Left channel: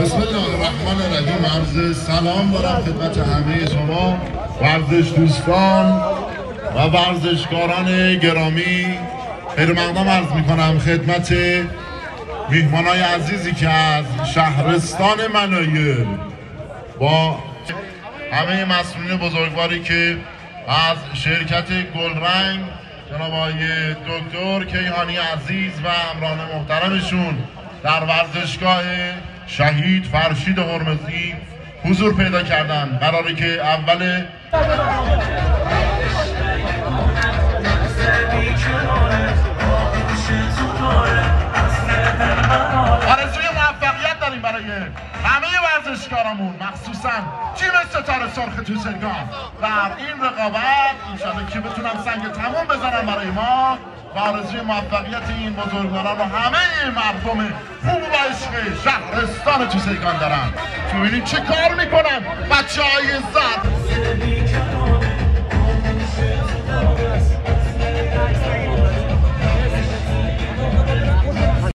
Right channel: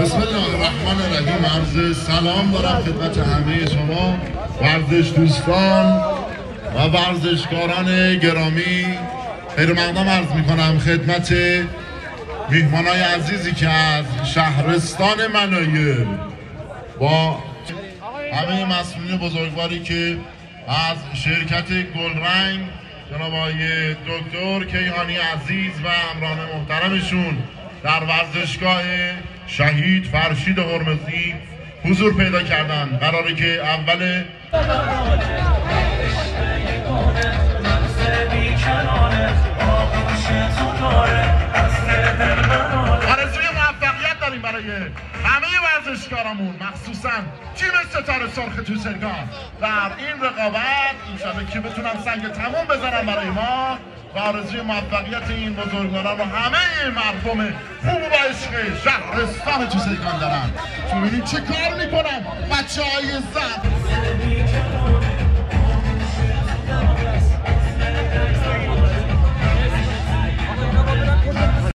بسم الله الرحمن الرحیم. عرض سلام دارم خدمت همه شما ورزش دوستان و ورزشکاران گرامی. خیر مقدم عرض میکنم خدمت میهمانای عزیزی که از شهرستان منایل با همه مسئولین بزرگواری که از شرکت گلرنگ جناب آقای دکتر کیهانی عزیز و امران محترمشون در ورزشگاه شهید فرشید قرمزی حضور پیدا کردن. قراره که اول آرزوی موفقیت داریم برای همه ورزشکارامون، مخصوصا تیم ستاره سرخ توسنگان و این رقابت انشالله که بتونم سنگ تمام بزنم برای ما و آرزوی موفقیت این بزرگواران و همه مردم خوب و عشق شهرستان توسنگان دارم. ببینید چه کار میکنن بچه های زد.